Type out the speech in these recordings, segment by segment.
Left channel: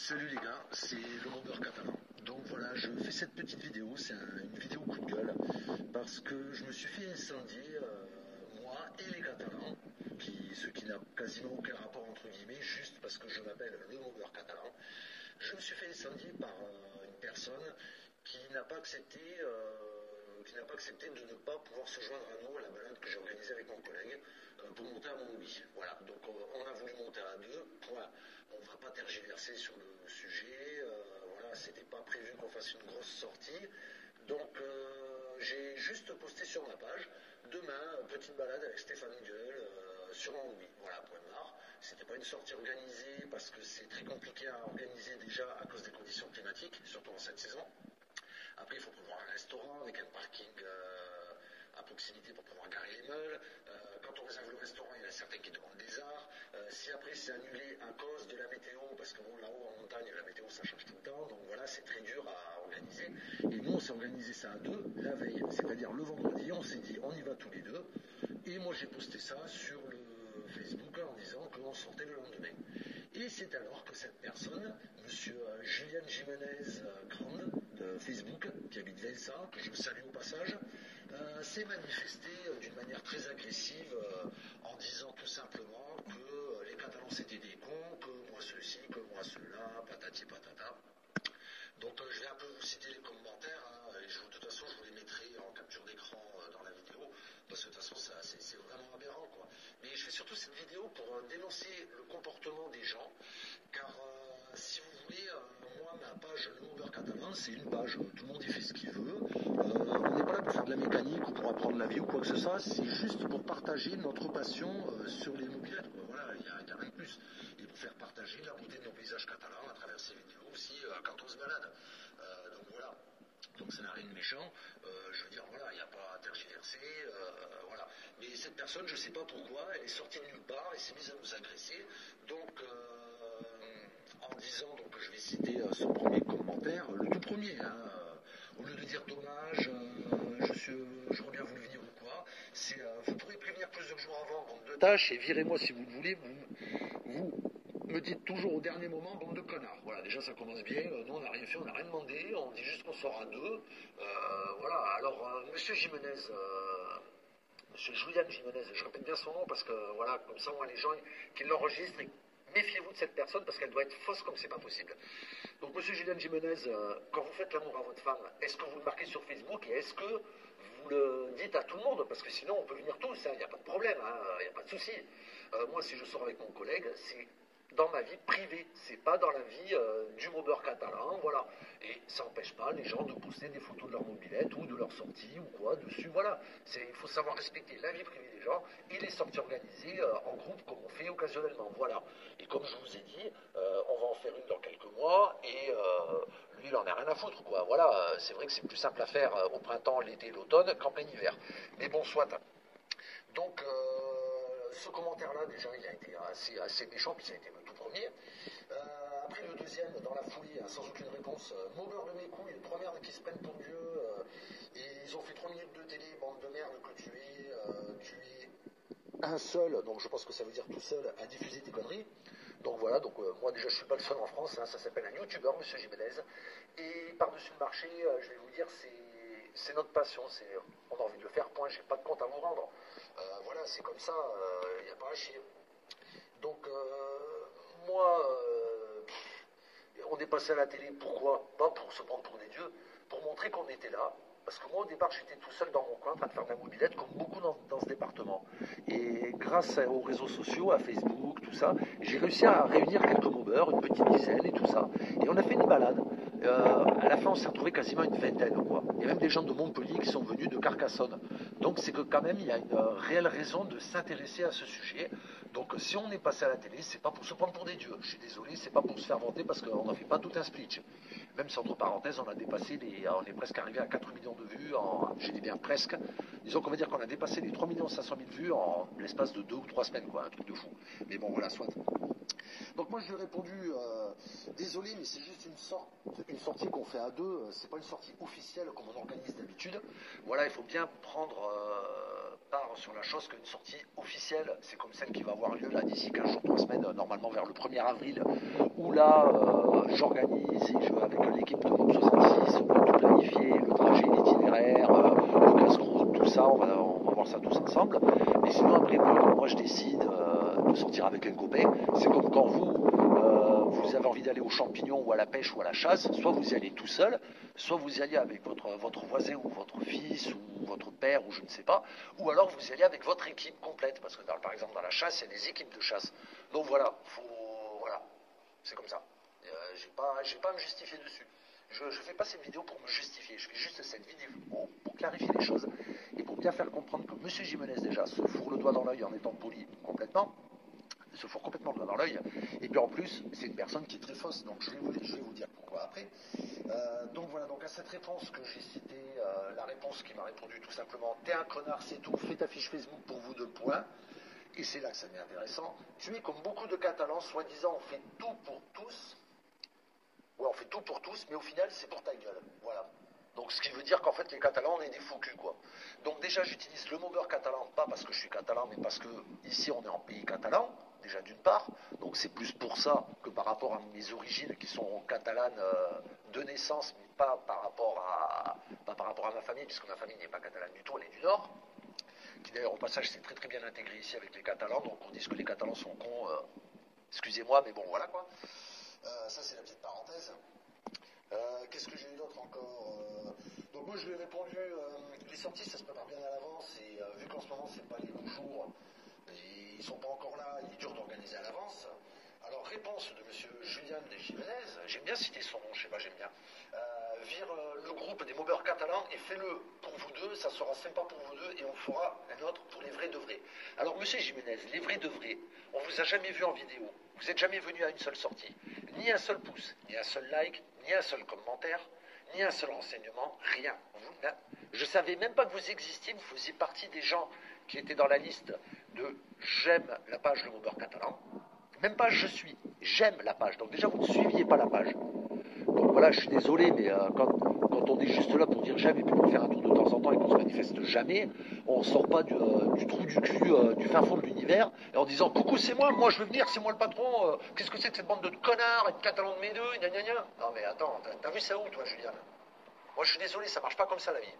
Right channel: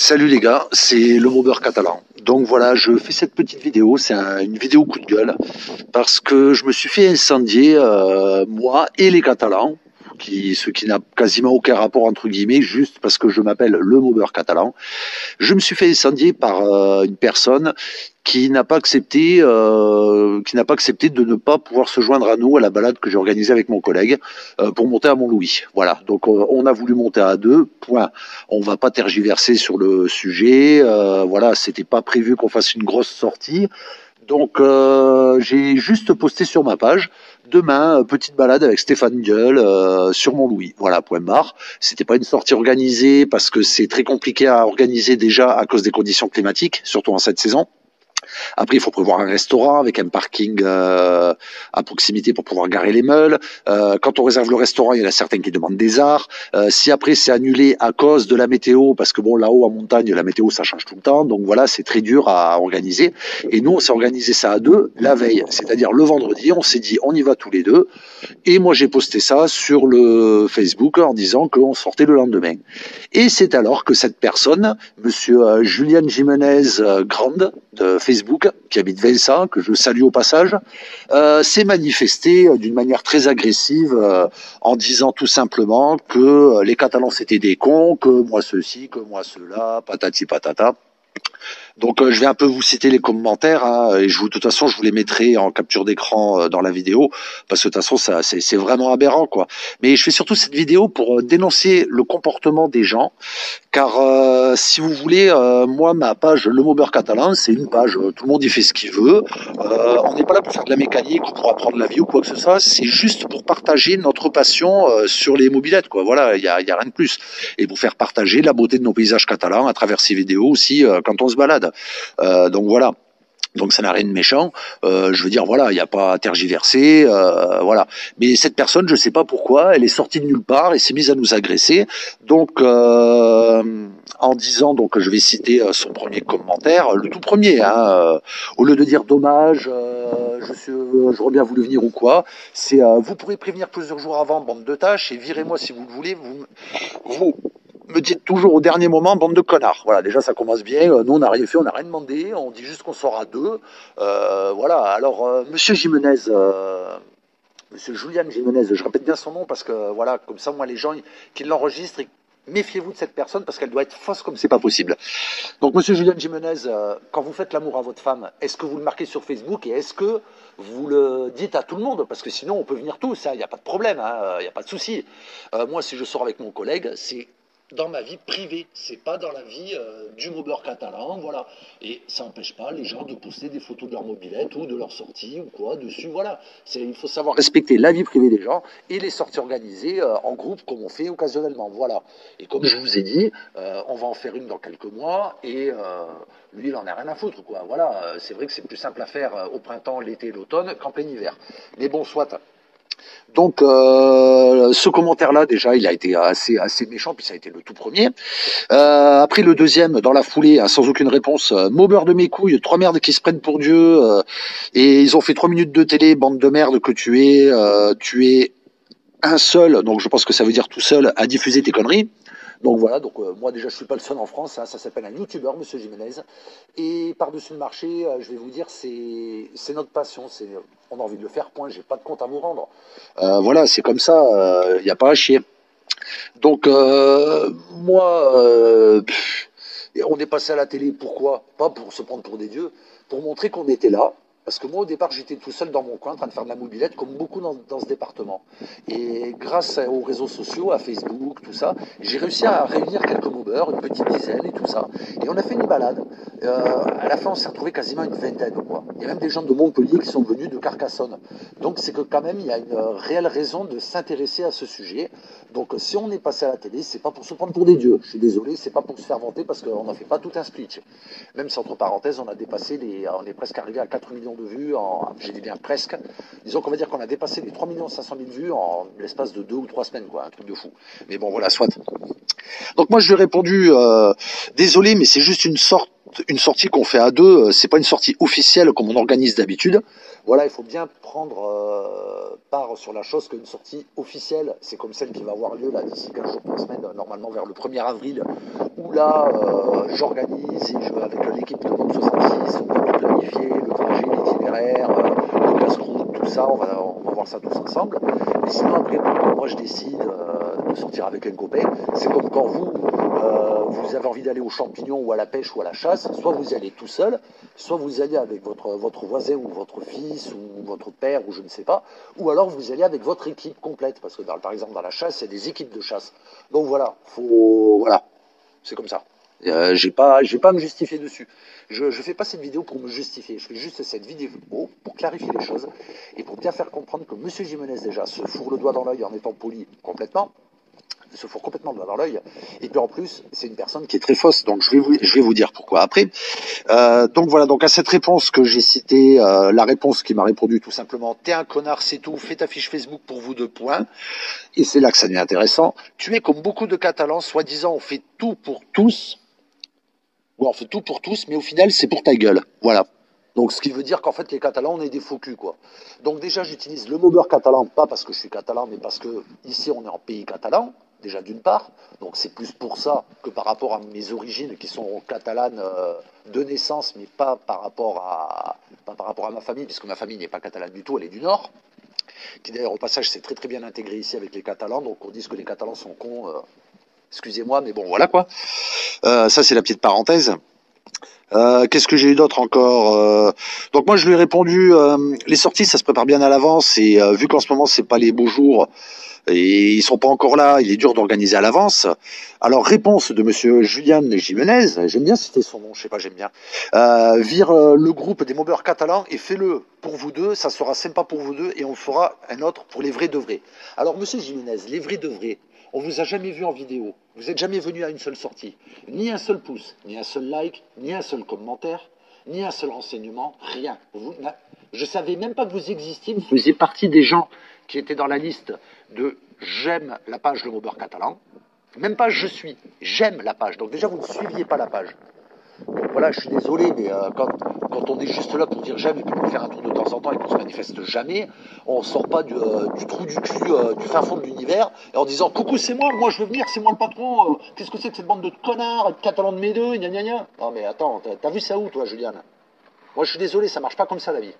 Salut les gars, c'est le Maubeur catalan. Donc voilà, je fais cette petite vidéo, c'est une vidéo coup de gueule, parce que je me suis fait incendier, moi et les Catalans, ce qui n'a quasiment aucun rapport entre guillemets, juste parce que je m'appelle le Maubeur catalan. Je me suis fait incendier par une personne qui n'a pas accepté de ne pas pouvoir se joindre à nous à la balade que j'ai organisée avec mon collègue pour monter à Mont-Louis. Voilà, donc on a voulu monter à deux. Point. On va pas tergiverser sur le sujet. Voilà, c'était pas prévu qu'on fasse une grosse sortie. Donc j'ai juste posté sur ma page. Demain, petite balade avec Stéphane Gueule sur Mont-Louis. Voilà, point barre. C'était pas une sortie organisée parce que c'est très compliqué à organiser déjà à cause des conditions climatiques, surtout en cette saison. Après, il faut prévoir un restaurant avec un parking à proximité pour pouvoir garer les meules. Quand on réserve le restaurant, il y en a certains qui demandent des arts. Si après c'est annulé à cause de la météo, parce que bon, là-haut en montagne, la météo ça change tout le temps, donc voilà, c'est très dur à organiser. Et nous, on s'est organisé ça à deux la veille, c'est-à-dire le vendredi, on s'est dit on y va tous les deux. Et moi, j'ai posté ça sur le Facebook en disant qu'on sortait le lendemain. Et c'est alors que cette personne, monsieur Julian Jimenez Grande de Facebook, qui habite Vincent, que je salue au passage, s'est manifesté d'une manière très agressive en disant tout simplement que les Catalans c'était des cons, que moi ceci, que moi cela, patati patata. Donc je vais un peu vous citer les commentaires hein, et de toute façon je vous les mettrai en capture d'écran dans la vidéo parce que de toute façon ça c'est vraiment aberrant quoi. Mais je fais surtout cette vidéo pour dénoncer le comportement des gens car si vous voulez moi ma page Le Maubeur catalan c'est une page tout le monde y fait ce qu'il veut. On n'est pas là pour faire de la mécanique ou pour apprendre la vie ou quoi que ce soit, c'est juste pour partager notre passion sur les mobylettes quoi. Voilà, il y a rien de plus et pour faire partager la beauté de nos paysages catalans à travers ces vidéos aussi quand on se balade. Donc voilà. Donc ça n'a rien de méchant. Je veux dire, voilà, il n'y a pas à tergiverser, voilà. Mais cette personne, je ne sais pas pourquoi, elle est sortie de nulle part et s'est mise à nous agresser. Donc, en disant, donc je vais citer son premier commentaire, le tout premier, hein, au lieu de dire dommage, j'aurais bien voulu venir ou quoi, c'est vous pourrez prévenir plusieurs jours avant, bande de tâches, et virez-moi si vous le voulez, vous me dites toujours au dernier moment, bande de connards. Voilà, déjà ça commence bien. Nous, on n'a rien fait, on n'a rien demandé. On dit juste qu'on sort à deux. Voilà, alors, monsieur Jimenez, monsieur Julian Jimenez, je répète bien son nom parce que, voilà, comme ça, moi, les gens qui l'enregistrent, méfiez-vous de cette personne parce qu'elle doit être fausse comme c'est pas possible. Donc, monsieur Julian Jimenez, quand vous faites l'amour à votre femme, est-ce que vous le marquez sur Facebook et est-ce que vous le dites à tout le monde? Parce que sinon, on peut venir tous, il n'y a pas de problème, il n'y a pas de souci. Moi, si je sors avec mon collègue, c'est dans ma vie privée, c'est pas dans la vie du Maubeur catalan, voilà. Et ça n'empêche pas les gens de poster des photos de leur mobilette ou de leur sortie ou quoi dessus, voilà. Il faut savoir respecter la vie privée des gens et les sorties organisées en groupe comme on fait occasionnellement, voilà. Et comme je vous ai dit, on va en faire une dans quelques mois et lui il en a rien à foutre, quoi. Voilà, c'est vrai que c'est plus simple à faire au printemps, l'été, l'automne qu'en plein hiver. Mais bon, soit. Donc, ce commentaire-là, déjà, il a été assez méchant, puis ça a été le tout premier. Après, le deuxième, dans la foulée, hein, sans aucune réponse, Maubeur de mes couilles, trois merdes qui se prennent pour Dieu, et ils ont fait 3 minutes de télé, bande de merde que tu es un seul, donc je pense que ça veut dire tout seul, à diffuser tes conneries. Donc voilà, donc moi déjà je suis pas le seul en France, hein, ça s'appelle un youtubeur, monsieur Jiménez. Et par-dessus le marché, je vais vous dire, c'est notre passion, on a envie de le faire, point, j'ai pas de compte à vous rendre. Voilà, c'est comme ça, il n'y a pas à chier. Donc moi, on est passé à la télé, pourquoi? Pas pour se prendre pour des dieux, pour montrer qu'on était là. Parce que moi, au départ, j'étais tout seul dans mon coin en train de faire de la mobilette, comme beaucoup dans ce département. Et grâce aux réseaux sociaux, à Facebook, tout ça, j'ai réussi à réunir quelques mobeurs, une petite dizaine et tout ça. Et on a fait une balade. À la fin, on s'est retrouvé quasiment une vingtaine, quoi. Il y a même des gens de Montpellier qui sont venus de Carcassonne. Donc, c'est que quand même, il y a une réelle raison de s'intéresser à ce sujet. Donc, si on est passé à la télé, c'est pas pour se prendre pour des dieux. Je suis désolé, c'est pas pour se faire vanter parce qu'on n'en fait pas tout un speech. Même si, entre parenthèses, on est presque arrivé à 4 millions de vues, j'ai dit bien presque. Disons qu'on va dire qu'on a dépassé les 3 500 000 vues en l'espace de 2 ou 3 semaines, quoi, un truc de fou. Mais bon, voilà, soit. Donc moi, je lui réponds répondu désolé, mais c'est juste une sortie qu'on fait à deux. C'est pas une sortie officielle comme on organise d'habitude. Voilà, il faut bien prendre part sur la chose qu'une sortie officielle, c'est comme celle qui va avoir lieu là d'ici 15 jours, 3 semaines, normalement vers le 1er avril, où là j'organise et avec l'équipe de Monde 66, on va tout planifier, le trajet, l'itinéraire, le casse-croûte, tout ça, on va voir ça tous ensemble. Mais sinon après, moi je décide de sortir avec un copain. C'est comme quand vous avez envie d'aller aux champignons ou à la pêche ou à la chasse, soit vous y allez tout seul, soit vous y allez avec votre voisin ou votre fils ou votre père ou je ne sais pas, ou alors vous y allez avec votre équipe complète, parce que par exemple dans la chasse, il y a des équipes de chasse. Donc voilà, voilà, c'est comme ça. Je ne vais pas me justifier dessus. Je ne fais pas cette vidéo pour me justifier. Je fais juste cette vidéo pour clarifier les choses et pour bien faire comprendre que M. Jimenez déjà se fourre le doigt dans l'œil en étant poli complètement. Se fourre complètement le doigt dans l'œil. Et puis en plus, c'est une personne qui est très fausse. Donc je vais vous dire pourquoi après. Donc voilà, donc à cette réponse que j'ai citée, la réponse qui m'a répondu tout simplement, t'es un connard, c'est tout, fais ta fiche Facebook pour vous 2 points. Et c'est là que ça devient intéressant. Tu es comme beaucoup de Catalans, soi-disant on fait tout pour tous. Ouais, on fait tout pour tous, mais au final, c'est pour ta gueule. Voilà. Donc, ce qui veut dire qu'en fait, les Catalans, on est des faux culs, quoi. Donc, déjà, j'utilise le mot beurre catalan, pas parce que je suis catalan, mais parce que ici, on est en pays catalan, déjà d'une part. Donc, c'est plus pour ça que par rapport à mes origines, qui sont catalanes de naissance, mais pas par rapport à ma famille, puisque ma famille n'est pas catalane du tout, elle est du Nord. Qui d'ailleurs, au passage, s'est très très bien intégré ici avec les Catalans. Donc, on dit que les Catalans sont cons. Excusez-moi, mais bon, voilà quoi. Ça, c'est la petite parenthèse. Qu'est-ce que j'ai eu d'autre encore Donc moi je lui ai répondu les sorties ça se prépare bien à l'avance et vu qu'en ce moment c'est pas les beaux jours et ils sont pas encore là, il est dur d'organiser à l'avance. Alors réponse de monsieur Julian Jimenez, j'aime bien citer son nom, je sais pas, j'aime bien. Vire le groupe des mobeurs catalans et fais-le pour vous deux, ça sera sympa pour vous deux et on fera un autre pour les vrais de vrais. Alors monsieur Jimenez, les vrais de vrais, on vous a jamais vu en vidéo, vous n'êtes jamais venu à une seule sortie, ni un seul pouce, ni un seul like, ni un seul commentaire, ni un seul renseignement, rien. Je savais même pas que vous existiez, vous faisiez partie des gens qui étaient dans la liste de j'aime la page Le Maubeur Catalan. Même pas je suis, j'aime la page. Donc déjà vous ne suiviez pas la page. Donc voilà, je suis désolé, mais quand on est juste là pour dire j'aime et puis pour faire un truc de temps en temps et qu'on se manifeste jamais, on sort pas du trou du cul, du fin fond de l'univers, et en disant coucou c'est moi je veux venir, c'est moi le patron, qu'est-ce que c'est que cette bande de connards, être catalan de mes deux, gna gna gna. Non mais attends, t'as vu ça où toi Juliane? Moi je suis désolé, ça marche pas comme ça la vie.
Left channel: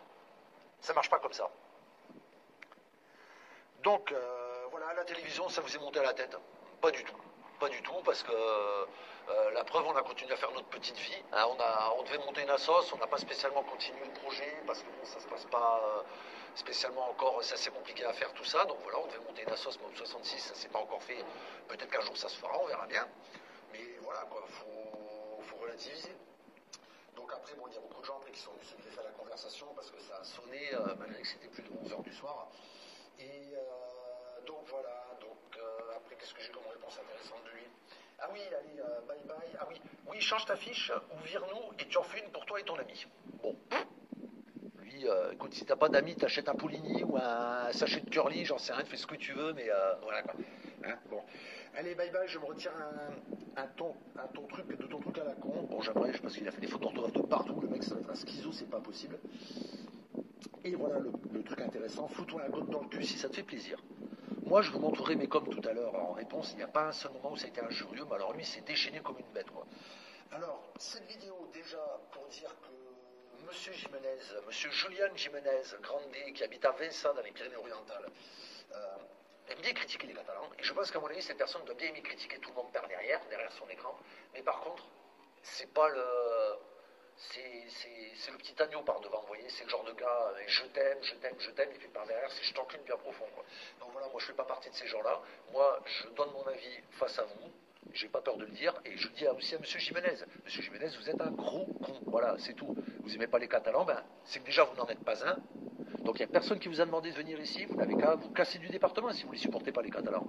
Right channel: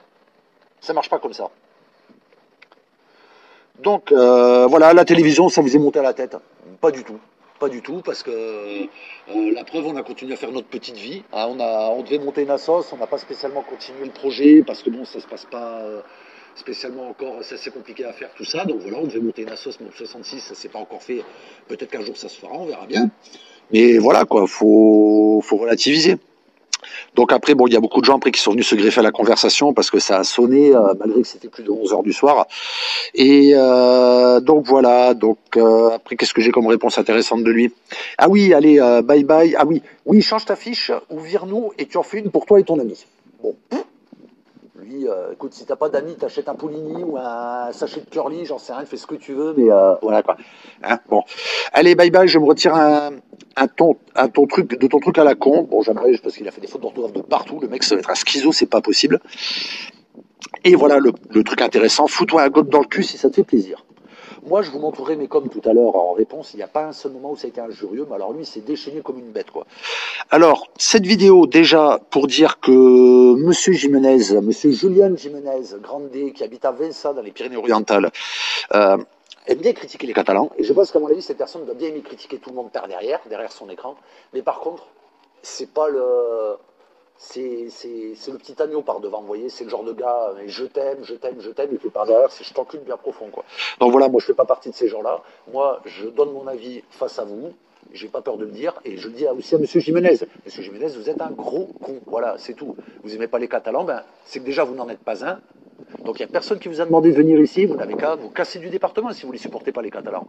Ça marche pas comme ça. Donc voilà, la télévision, ça vous est monté à la tête? Pas du tout. Pas du tout, parce que la preuve, on a continué à faire notre petite vie. Hein, on devait monter une assoce, on n'a pas spécialement continué le projet, parce que bon, ça se passe pas spécialement encore, c'est assez compliqué à faire tout ça. Donc voilà, on devait monter une assoce Mob 66, ça s'est pas encore fait. Peut-être qu'un jour ça se fera, on verra bien. Mais voilà, quoi, faut relativiser. Donc après, bon, il y a beaucoup de gens après qui sont venus se greffer à la conversation parce que ça a sonné, malgré que c'était plus de 11 heures du soir. Et donc voilà, donc après, qu'est-ce que j'ai comme réponse intéressante de lui? Ah oui, allez, bye bye. Ah oui, oui, change ta fiche ou vire-nous et tu en fais une pour toi et ton ami. Bon, lui, écoute, si t'as pas d'amis, t'achètes un Poulini ou un sachet de curly, j'en sais rien, fais ce que tu veux, mais voilà quoi. Hein, bon, allez, bye bye, je me retire à ton truc, de ton truc à la con. Bon, j'aimerais, parce qu'il a fait des fautes d'orthographe de partout, le mec, ça va être un schizo, c'est pas possible. Et voilà le truc intéressant, fous-toi un gobe dans le cul si ça te fait plaisir. Moi, je vous montrerai, mais comme tout à l'heure en réponse, il n'y a pas un seul moment où ça a été injurieux, mais alors lui, il s'est déchaîné comme une bête, quoi. Alors, cette vidéo, déjà, pour dire que Monsieur Jimenez, Monsieur Julian Jimenez, Grande, qui habite à Vinça, dans les Pyrénées-Orientales, aime bien critiquer les Catalans. Et je pense qu'à mon avis, cette personne doit bien aimer critiquer tout le monde par derrière son écran. Mais par contre, c'est pas le... C'est le petit agneau par devant, vous voyez, c'est le genre de gars, je t'aime, et puis par derrière, c'est je t'encule bien profond, quoi. Donc voilà, moi je fais pas partie de ces gens-là. Moi, je donne mon avis face à vous, j'ai pas peur de le dire, et je le dis aussi à Monsieur Jimenez. Monsieur Jimenez, vous êtes un gros con, voilà, c'est tout. Vous aimez pas les Catalans, ben, c'est que déjà vous n'en êtes pas un. Donc il n'y a personne qui vous a demandé de venir ici, vous n'avez qu'à vous casser du département si vous ne les supportez pas les Catalans.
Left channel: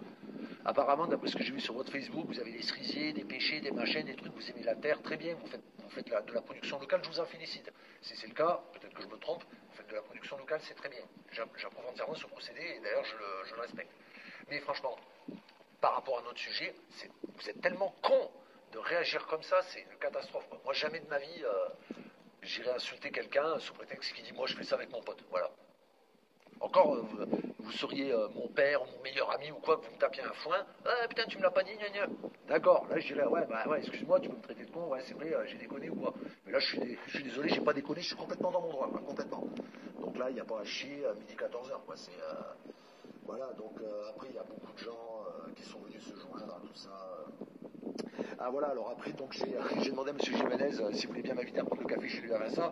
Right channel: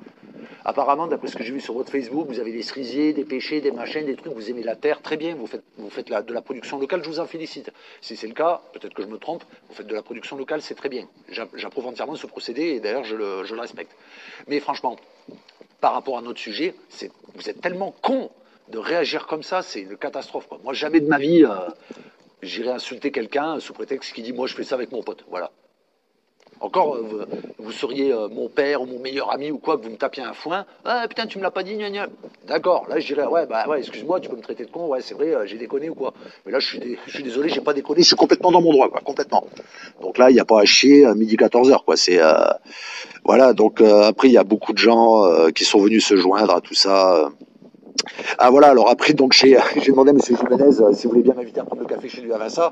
Apparemment, d'après ce que j'ai vu sur votre Facebook, vous avez des cerisiers, des pêchers, des machins, des trucs, vous aimez la terre, très bien, vous faites de la production locale, je vous en félicite. Si c'est le cas, peut-être que je me trompe, vous faites de la production locale, c'est très bien. J'approuve entièrement ce procédé et d'ailleurs je le respecte. Mais franchement, par rapport à notre sujet, vous êtes tellement con de réagir comme ça, c'est une catastrophe, quoi. Moi, jamais de ma vie, j'irai insulter quelqu'un sous prétexte qu'il dit moi je fais ça avec mon pote. Voilà. Encore, vous seriez mon père ou mon meilleur ami ou quoi, que vous me tapiez un foin. Ah putain, tu me l'as pas dit, gna gna. D'accord, là je dirais, ouais, bah ouais, excuse-moi, tu peux me traiter de con, ouais, c'est vrai, j'ai déconné ou quoi. Mais là, je suis désolé, j'ai pas déconné, je suis complètement dans mon droit, quoi, complètement. Donc là, il n'y a pas à chier à midi 14h, quoi. C'est, voilà, donc après, il y a beaucoup de gens qui sont venus se joindre à tout ça. Ah voilà, alors après, donc j'ai demandé à M. Jiménez si vous voulez bien m'inviter à prendre le café chez lui à Vinça.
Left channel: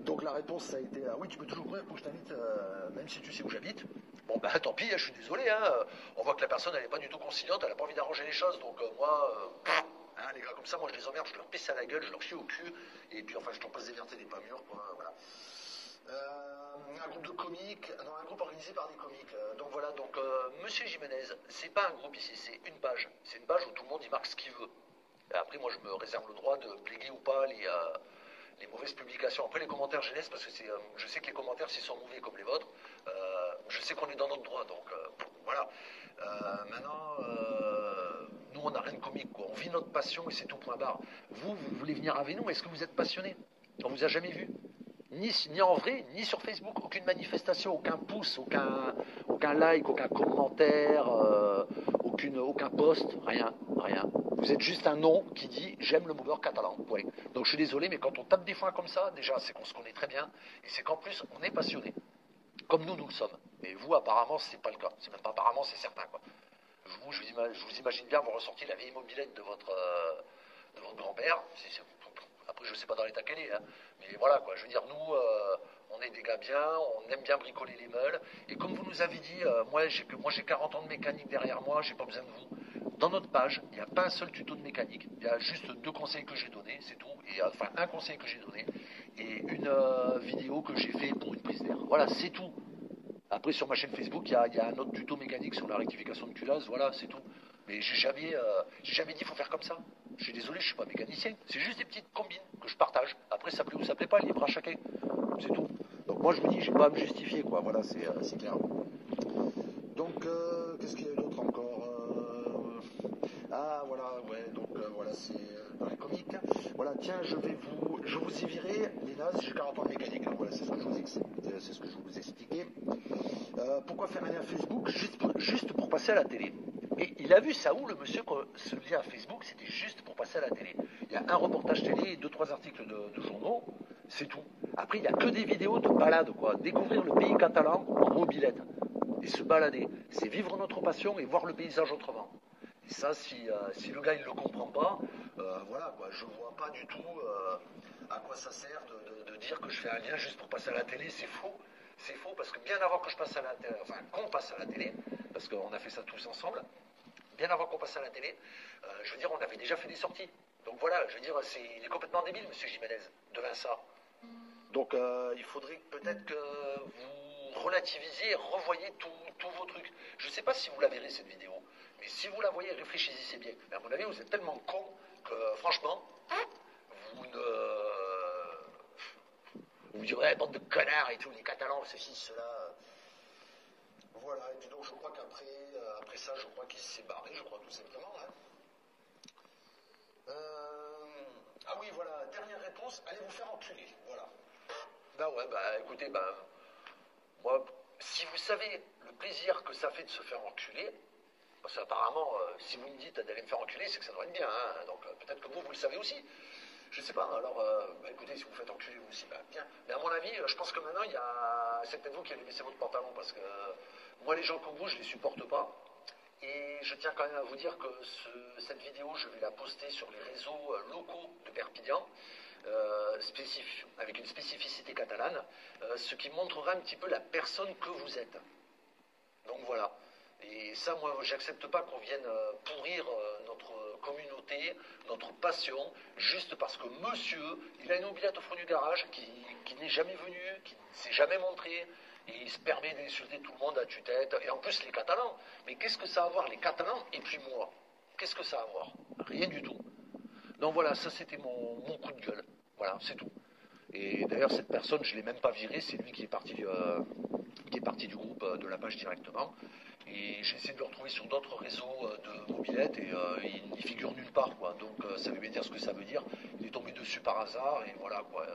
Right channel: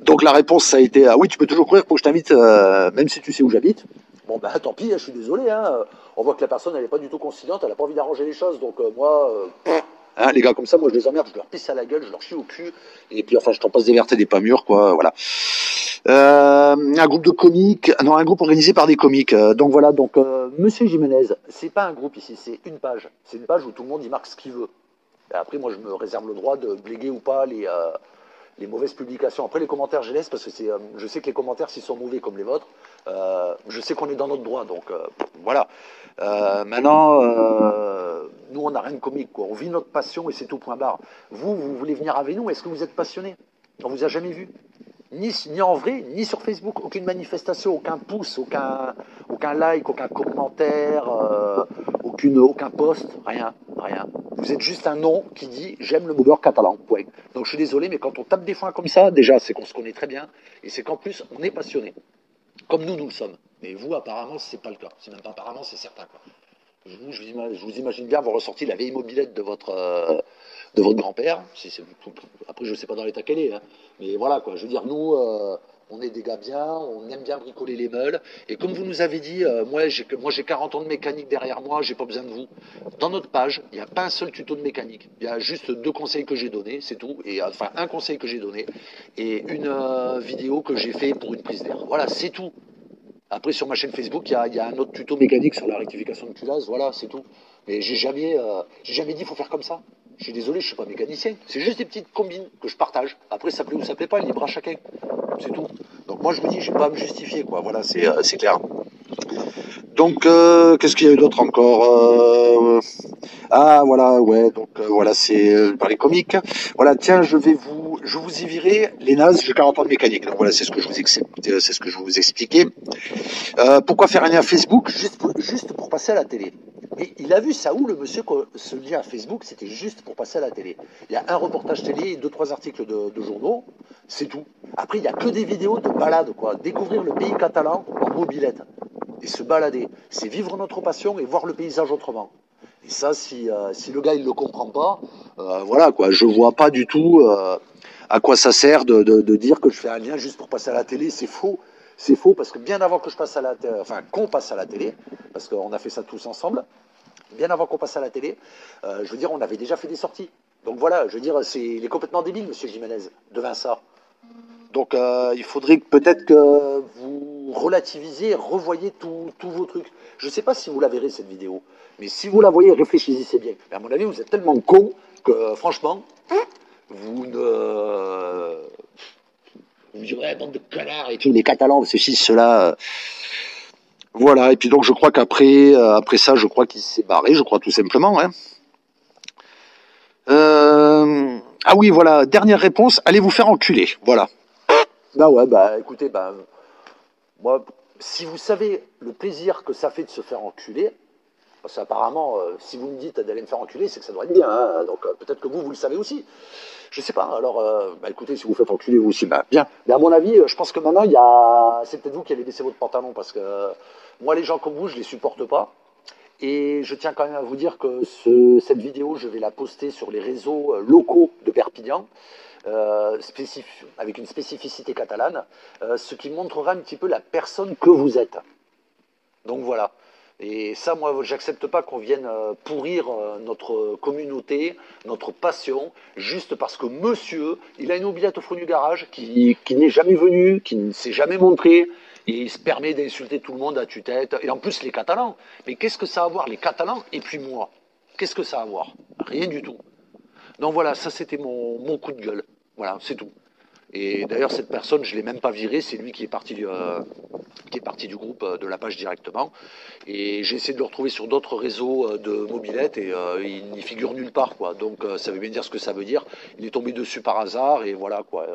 Donc la réponse, ça a été oui, tu peux toujours courir pour que je t'invite, même si tu sais où j'habite. Bon, bah tant pis, je suis désolé. Hein. On voit que la personne, elle n'est pas du tout conciliante, elle n'a pas envie d'arranger les choses. Donc moi, hein, les gars comme ça, moi je les emmerde, je leur pisse à la gueule, je leur chie au cul. Et puis enfin, je t'en passe des vertes et des pas mûres, quoi. Voilà. Un groupe de comiques, non, un groupe organisé par des comiques. Donc voilà, donc Monsieur Jiménez, c'est pas un groupe ici, c'est une page. C'est une page où tout le monde y marque ce qu'il veut. Et après, moi, je me réserve le droit de bléguer ou pas les mauvaises publications. Après, les commentaires, je laisse parce que je sais que les commentaires, s'ils sont mauvais comme les vôtres, je sais qu'on est dans notre droit. Donc, voilà. Maintenant, nous, on n'a rien de comique, quoi. On vit notre passion et c'est tout, point barre. Vous voulez venir avec nous? Est-ce que vous êtes passionné? On vous a jamais vu? Ni en vrai, ni sur Facebook, aucune manifestation, aucun pouce, aucun like, aucun commentaire, aucun post, rien, rien. Vous êtes juste un nom qui dit j'aime le mouveur catalan, point. Donc je suis désolé, mais quand on tape des foins comme ça, déjà c'est qu'on se connaît très bien, et c'est qu'en plus on est passionné, comme nous le sommes. Mais vous apparemment c'est pas le cas, c'est même pas apparemment, c'est certain, quoi. Je vous imagine bien vous ressortir la vieille mobilette de votre grand-père. Après, je ne sais pas dans l'état qu'elle est, hein. Mais voilà, quoi. Je veux dire, nous, on est des gars bien, on aime bien bricoler les meules. Et comme vous nous avez dit, moi, j'ai 40 ans de mécanique derrière moi, j'ai pas besoin de vous. Dans notre page, il n'y a pas un seul tuto de mécanique. Il y a juste 2 conseils que j'ai donnés, c'est tout. Et enfin, un conseil que j'ai donné et une vidéo que j'ai fait pour une prise d'air. Voilà, c'est tout. Après, sur ma chaîne Facebook, il y a un autre tuto mécanique sur la rectification de culasse, voilà, c'est tout. Mais j'ai jamais dit qu'il faut faire comme ça. Je suis désolé, je suis pas mécanicien. C'est juste des petites combines que je partage. Après, ça plaît ou ça plaît pas, libre à chacun. C'est tout. Donc moi, je me dis, j'ai pas à me justifier, quoi. Voilà, c'est clair. Donc, qu'est-ce qu'il y a eu d'autre encore Ah, voilà, ouais, donc voilà, c'est par les comiques. Voilà, tiens, je vous y virer les nazes, j'ai 40 ans de mécanique. Donc voilà, c'est ce que je vous expliquais. Pourquoi faire un lien Facebook juste pour passer à la télé? Et il a vu ça où, le monsieur, que ce lien Facebook, c'était juste pour passer à la télé. Il y a un reportage télé et 2-3 articles de journaux, c'est tout. Après, il n'y a que des vidéos de balades, quoi. Découvrir le pays catalan en mobilette et se balader. C'est vivre notre passion et voir le paysage autrement. Et ça, si le gars, il ne le comprend pas, voilà, quoi. Je vois pas du tout à quoi ça sert de dire que je fais un lien juste pour passer à la télé. C'est faux. C'est faux parce que bien avant que je passe à la télé, enfin qu'on passe à la télé, parce qu'on a fait ça tous ensemble, bien avant qu'on passe à la télé, je veux dire, on avait déjà fait des sorties. Donc voilà, je veux dire, il est complètement débile, Monsieur Jiménez, de Vinça. Donc il faudrait peut-être que vous relativisiez, revoyez tous vos trucs. Je ne sais pas si vous la verrez cette vidéo, mais si vous la voyez, réfléchissez bien. Mais à mon avis, vous êtes tellement con que franchement, vous ne... Vous me direz, ouais, bande de connards et tout, les Catalans, ceci, cela. Voilà, et puis donc je crois qu'après après ça, je crois qu'il s'est barré, je crois tout simplement. Hein. Ah oui, voilà, dernière réponse, allez vous faire enculer. Voilà. Bah ouais, bah écoutez, bah moi, si vous savez le plaisir que ça fait de se faire enculer, parce qu'apparemment, si vous me dites d'aller me faire enculer, c'est que ça doit être bien, hein. Donc peut-être que vous le savez aussi. Je sais pas, alors bah écoutez, si vous faites enculer vous aussi, bah bien. Mais à mon avis, je pense que maintenant, c'est peut-être vous qui allez baisser votre pantalon, parce que moi, les gens comme vous, je les supporte pas. Et je tiens quand même à vous dire que cette vidéo, je vais la poster sur les réseaux locaux de Perpignan, avec une spécificité catalane, ce qui montrera un petit peu la personne que vous êtes. Donc voilà. Et ça, moi, j'accepte pas qu'on vienne pourrir notre communauté, notre passion, juste parce que monsieur, il a une oubliette au fond du garage, qui n'est jamais venu, qui ne s'est jamais montré, et il se permet d'insulter tout le monde à tue-tête. Et en plus, les Catalans. Mais qu'est-ce que ça a à voir, les Catalans, et puis moi? Qu'est-ce que ça a à voir? Rien du tout. Donc voilà, ça c'était mon coup de gueule. Voilà, c'est tout. Et d'ailleurs, cette personne, je ne l'ai même pas viré, c'est lui qui est parti qui est parti du groupe de la page directement. Et j'ai essayé de le retrouver sur d'autres réseaux de mobilette et il n'y figure nulle part, quoi. Donc ça veut bien dire ce que ça veut dire. Il est tombé dessus par hasard et voilà, quoi.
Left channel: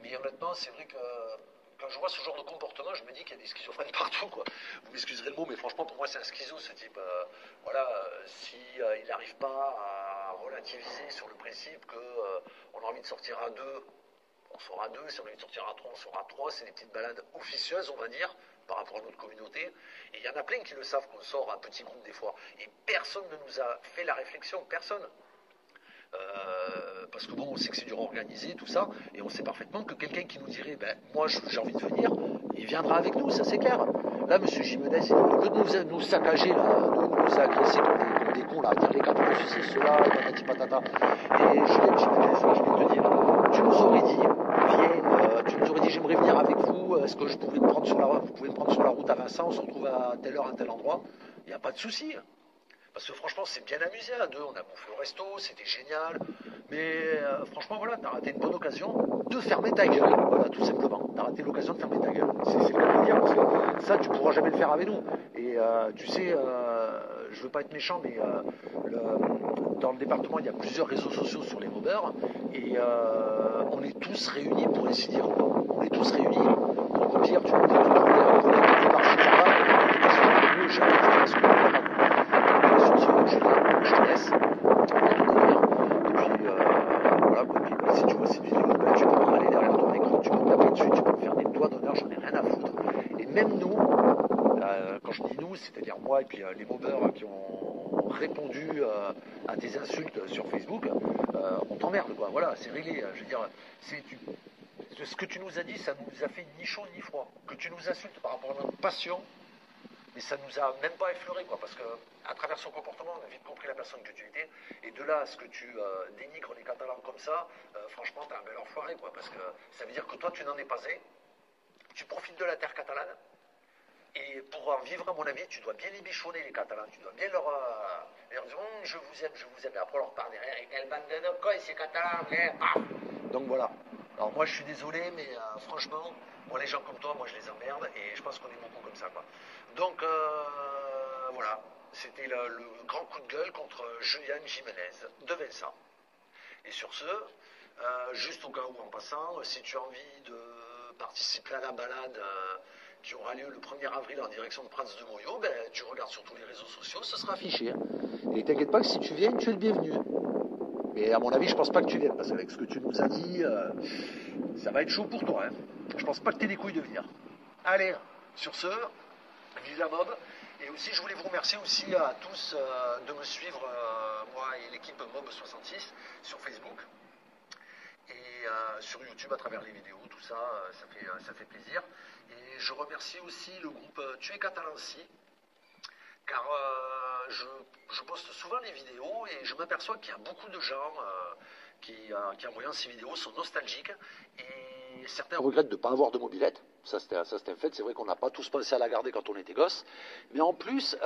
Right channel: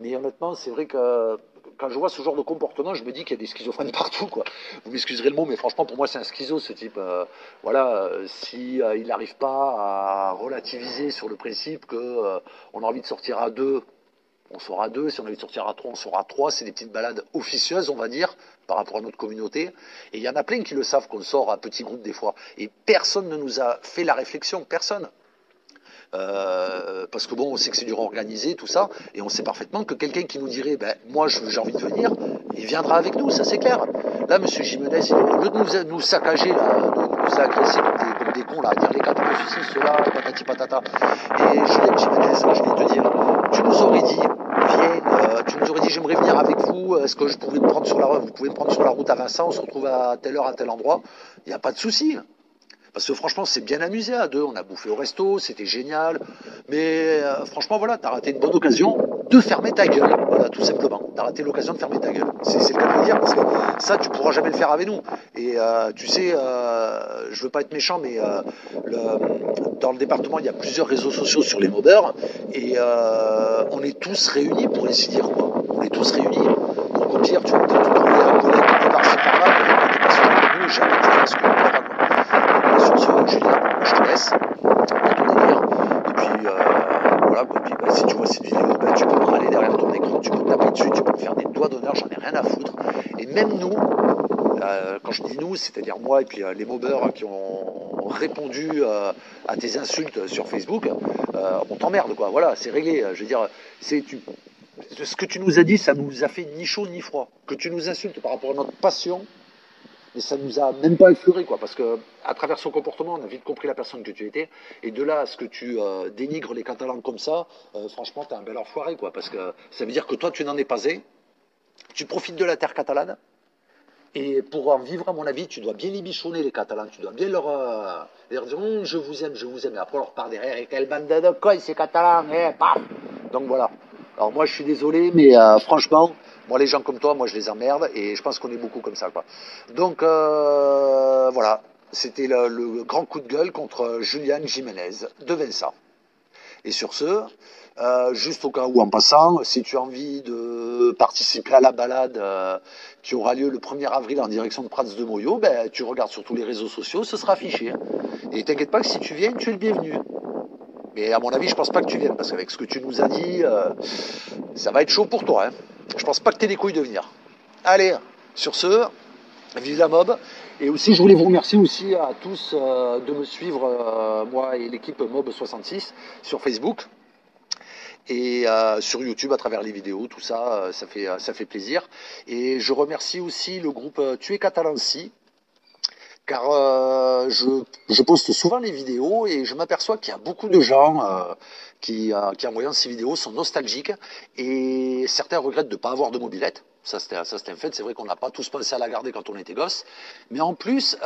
Mais honnêtement, c'est vrai que quand je vois ce genre de comportement, je me dis qu'il y a des schizophrènes partout, quoi. Vous m'excuserez le mot, mais franchement, pour moi, c'est un schizo, ce type. Voilà, si il n'arrive pas à relativiser sur le principe que on a envie de sortir à deux, on sort à deux. Si on a envie de sortir à trois, on sort à trois. C'est des petites balades officieuses, on va dire, par rapport à notre communauté. Et il y en a plein qui le savent qu'on sort à petits groupes des fois. Et personne ne nous a fait la réflexion, personne. Parce que bon, on sait que c'est dur à organiser, tout ça, et on sait parfaitement que quelqu'un qui nous dirait, ben, moi j'ai envie de venir, il viendra avec nous, ça c'est clair. Là, monsieur Jimenez, au lieu de nous saccager, là, de nous agresser comme des cons, là, à dire les quatre ceci, cela, patati patata. Et Julien Jimenez, je vais te dire, tu nous aurais dit, viens, tu nous aurais dit, j'aimerais venir avec vous, est-ce que je pouvais me prendre sur la route, vous pouvez me prendre sur la route à Vincent, on se retrouve à telle heure, à tel endroit, il n'y a pas de souci. Parce que franchement, c'est bien amusé à deux. On a bouffé au resto, c'était génial. Mais franchement, voilà, t'as raté une bonne occasion de fermer ta gueule. Voilà, tout simplement. T'as raté l'occasion de fermer ta gueule. C'est le cas de le dire, parce que ça, tu pourras jamais le faire avec nous. Et tu sais, je veux pas être méchant, mais dans le département, il y a plusieurs réseaux sociaux sur les mobeurs. Et on est tous réunis, pour ainsi dire, quoi. On est tous réunis. Donc au pire, tu vas peut-être trouver un collègue qui est par-ci par-là, mais qui est pas sûr de nous, jamais tu feras ce qu'on ne croit pas, quoi. Sur ce, Julien, je te laisse dans ton délire. Et puis, voilà, quoi. Puis, si tu vois cette vidéo, tu peux râler derrière ton écran, tu peux me taper dessus, tu peux me faire des doigts d'honneur, j'en ai rien à foutre. Et même nous, quand je dis nous, c'est-à-dire moi et puis les mobeurs qui ont répondu à tes insultes sur Facebook, on t'emmerde, quoi. Voilà, c'est réglé. Je veux dire, ce que tu nous as dit, ça nous a fait ni chaud ni froid. Que tu nous insultes par rapport à notre passion, mais ça nous a même pas effleuré, quoi, parce que à travers son comportement, on a vite compris la personne que tu étais, et de là à ce que tu dénigres les Catalans comme ça, franchement, t'as un bel enfoiré, quoi, parce que ça veut dire que toi, tu n'en es pas un, tu profites de la terre catalane, et pour en vivre, à mon avis, tu dois bien les bichonner, les Catalans, tu dois bien leur dire, je vous aime, et après on leur part derrière, et quelle bande de cons, ces Catalans, paf. Donc voilà. Alors moi, je suis désolé, mais franchement, moi, les gens comme toi, moi, je les emmerde, et je pense qu'on est beaucoup comme ça, quoi. Donc, voilà. C'était le grand coup de gueule contre Julian Jiménez de Vensa. Et sur ce, juste au cas où, en passant, si tu as envie de participer à la balade qui aura lieu le 1er avril en direction de Prats de Moyo, ben, tu regardes sur tous les réseaux sociaux, ce sera affiché. Et t'inquiète pas que si tu viens, tu es le bienvenu. Mais à mon avis, je pense pas que tu viennes, parce qu'avec ce que tu nous as dit, ça va être chaud pour toi. Hein. Je pense pas que tu aies les couilles de venir. Allez, sur ce, vive la mob. Et aussi, je voulais vous remercier aussi à tous de me suivre, moi et l'équipe Mob66, sur Facebook et sur YouTube à travers les vidéos, tout ça, ça fait plaisir. Et je remercie aussi le groupe Tu es Catalanci, car je poste souvent les vidéos et je m'aperçois qu'il y a beaucoup de gens qui, en voyant ces vidéos, sont nostalgiques et certains regrettent de ne pas avoir de mobilette. Ça, c'était un fait. C'est vrai qu'on n'a pas tous pensé à la garder quand on était gosse. Mais en plus,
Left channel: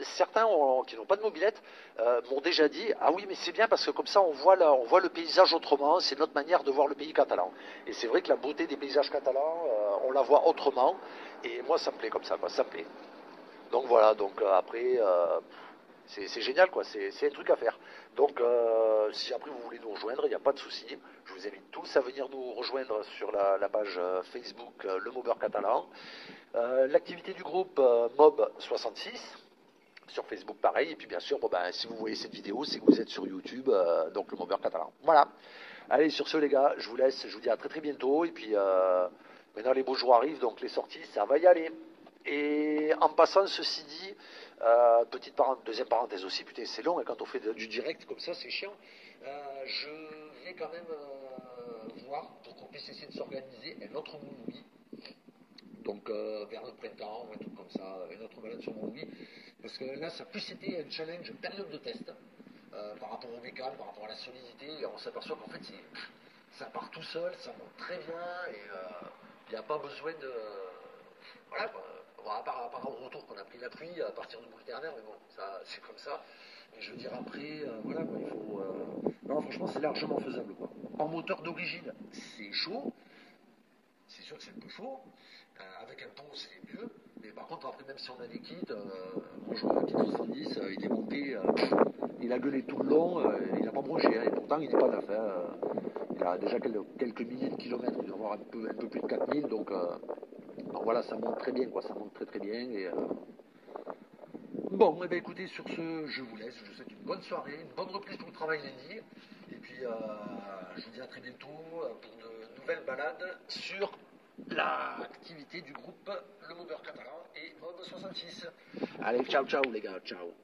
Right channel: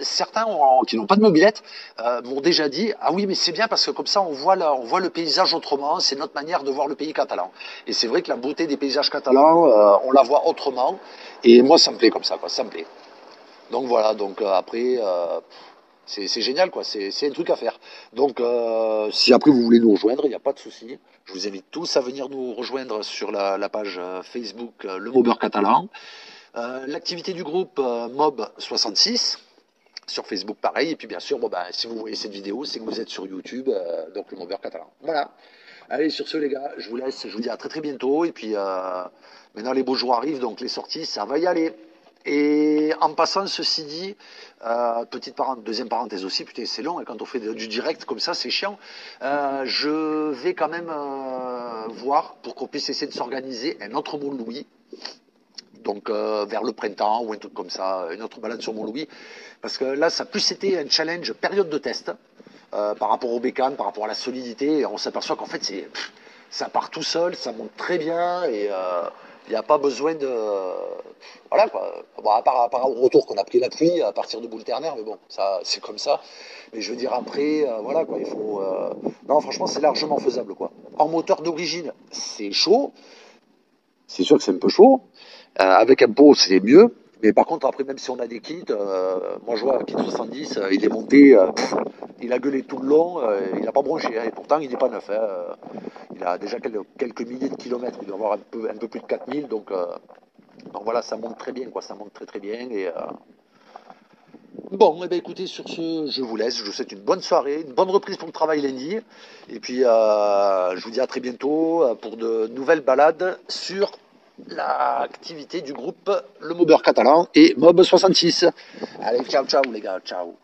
certains qui n'ont pas de mobilette m'ont déjà dit « Ah oui, mais c'est bien parce que comme ça, on voit le paysage autrement. C'est notre manière de voir le pays catalan. » Et c'est vrai que la beauté des paysages catalans, on la voit autrement. Et moi, ça me plaît comme ça, quoi. Ça me plaît. Donc voilà, donc après, c'est génial, quoi, c'est un truc à faire. Donc si après vous voulez nous rejoindre, il n'y a pas de souci. Je vous invite tous à venir nous rejoindre sur la page Facebook Le Mobeur Catalan. L'activité du groupe Mob66, sur Facebook pareil. Et puis bien sûr, bon, ben, si vous voyez cette vidéo, c'est que vous êtes sur YouTube, donc Le Mobeur Catalan. Voilà. Allez, sur ce les gars, je vous laisse, je vous dis à très très bientôt. Et puis maintenant les beaux jours arrivent, donc les sorties, ça va y aller. Et en passant, ceci dit, deuxième parenthèse aussi, putain, c'est long, hein, quand on fait du direct comme ça, c'est chiant. Je vais quand même voir pour qu'on puisse essayer de s'organiser un autre Mont-Louis, donc vers le printemps ou un truc comme ça, une autre balade sur Mont-Louis, parce que là, ça a plus été un challenge période de test par rapport au bécane, par rapport à la solidité, et on s'aperçoit qu'en fait, ça part tout seul, ça monte très bien, et il n'y a pas besoin de... Voilà, quoi. Bon, à part au retour qu'on a pris la pluie à partir de boule ternaire, mais bon, ça, c'est comme ça. Mais je veux dire, après, voilà, quoi, il faut... Non, franchement, c'est largement faisable, quoi. En moteur d'origine, c'est chaud. C'est sûr que c'est un peu chaud. Avec un pot, c'est mieux. Mais par contre, après, même si on a des kits, moi je vois, kit 70, il est monté, il a gueulé tout le long, il n'a pas bronché, hein, et pourtant il n'est pas neuf. Hein, il a déjà quelques milliers de kilomètres, il doit avoir un peu plus de 4000, donc voilà, ça monte très bien, quoi, ça monte très très bien. Bon, eh ben, écoutez, sur ce, je vous laisse, je vous souhaite une bonne soirée, une bonne reprise pour le travail lundi, et puis je vous dis à très bientôt pour de nouvelles balades sur l'activité du groupe Le Mobeur Catalan et Mob 66. Allez, ciao ciao les gars, ciao.